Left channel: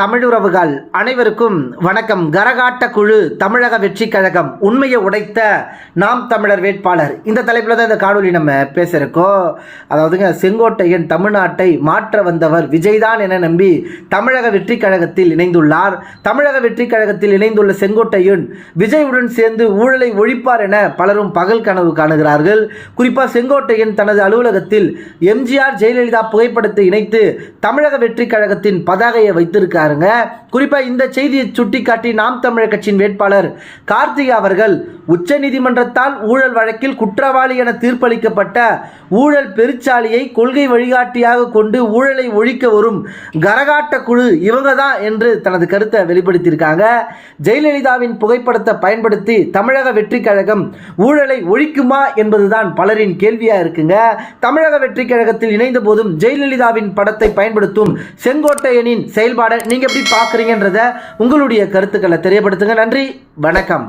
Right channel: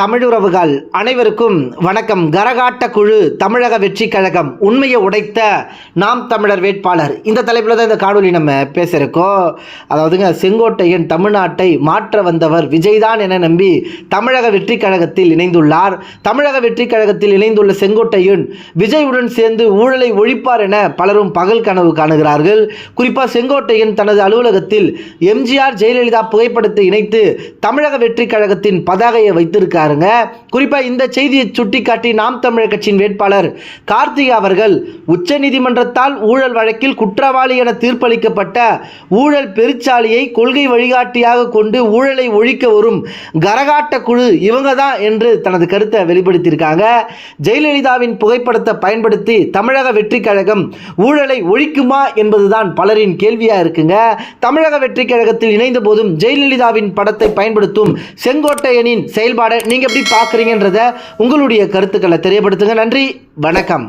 தமிழுறவுகள் அனைவருக்கும் வணக்கம். கரகாட்ட குழு தமிழக வெற்றி கழகம் உண்மையை உடைத்த நாம் தமிழர் வேட்பாளர். இந்த தலைப்பில் தான் இந்த காணொலி நம்ம பேசியிருக்கோம். அதாவதுங்க செங்கோட்டையன் தமிழ்நாட்டை மாற்ற வந்தவர் விஜய்தான் என நம்பி தமிழக வெற்றி கழகத்தில் இணைந்துள்ளார். தமிழக வெற்றி கழகத்தில் இணைந்துள்ள செங்கோட்டையன் விஜயுடன் சேர்ந்து ஊழலை ஒழிப்பார் என பலரும் பகல் கனவு காணுகிறார்கள். குறிப்பாக செங்கோட்டையன் தனது அலுவலகத்தில் எம்ஜிஆர் ஜெயலலிதா புகைப்படத்தை இணைத்து தமிழக வெற்றி கழகத்தின் பதாகையை வைத்திருக்காருங்க குறிப்பாக இந்த செய்தியை சுட்டிக்காட்டி நாம் தமிழர் கட்சியின் வேட்பாளர் கார்த்திகா அவர்கள் உச்சநீதிமன்றத்தால் ஊழல் வழக்கில் குற்றவாளி என தீர்ப்பளிக்கப்பட்ட ஊழல் பெருச்சாலியை கொள்கை வழிகாட்டியாக கொண்டு ஊழலை ஒழிக்க வரும் கரகாட்ட குழு இவங்க தான் என்று தனது கருத்தை வெளிப்படுத்தியிருக்காங்க. ஜெயலலிதாவின் புகைப்படத்தை பயன்படுத்தி தமிழக வெற்றி கழகம் ஊழலை ஒழிக்குமா என்பதுதான் பலரின் கேள்வியாக இருக்குங்க. தமிழக வெற்றி கழகத்தில் இணைந்த போதும் ஜெயலலிதாவின் படத்தை பயன்படுத்தும் செங்கோட்டையனின் செயல்பாடை நீங்கள் எப்படி பார்க்குறீங்கன்றத உங்களுடைய கருத்துக்களை தெரியப்படுத்துங்க. நன்றி வணக்கம்.